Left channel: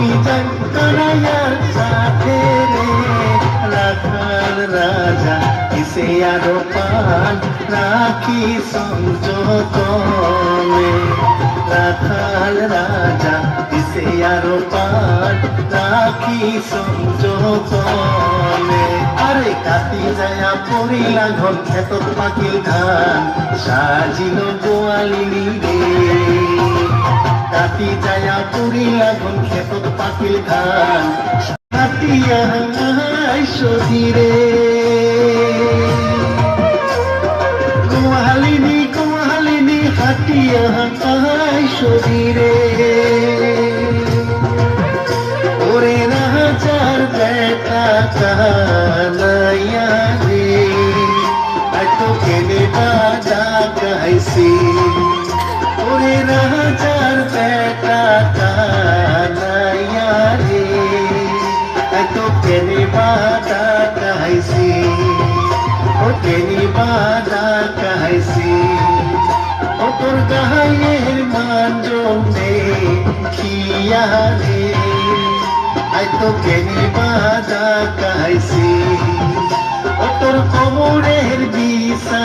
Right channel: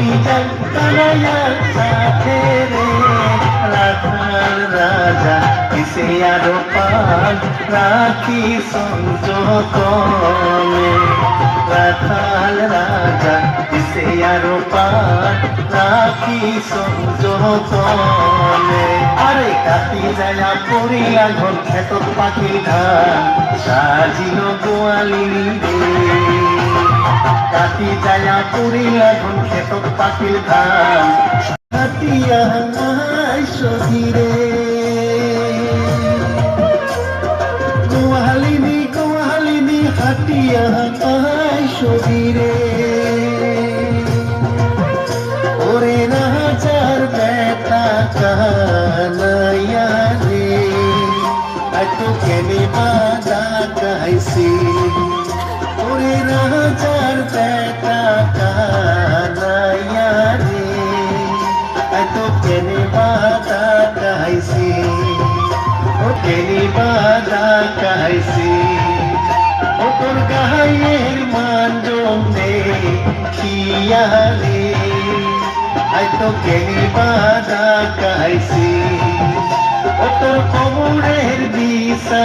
আমি যাই কানাইয়ার সাথে রে রাখাল রাজা কিসে আরো পান রাখি সংযতনে রাখাল রাজা কিসে আরো পান রাখি সংযতনে আরে কাটি যায়া পড়িয়া ঘর খেতত পাখিল ধান সাজিল গোয়ালিনী রে কাটি যায়া পড়িয়া ঘর খেতত পাখিল ধান কাটিয়া সধীরে গোয়ালিনী গোয়ালিনী হাটিয়া সধীরে ওরে রাজার বেটা কানাইয়া রে এত কেনে বাজা গাইছি ওরে রাজার বেটা কানাইয়া রে এত কেনে বাজা গাইছি ও কেনে বাজা গাইছি ও তোর গায়ের মান জমে খিয়া রে তো কেনি বাজা গাইছি ও তোর কোমরের বিষা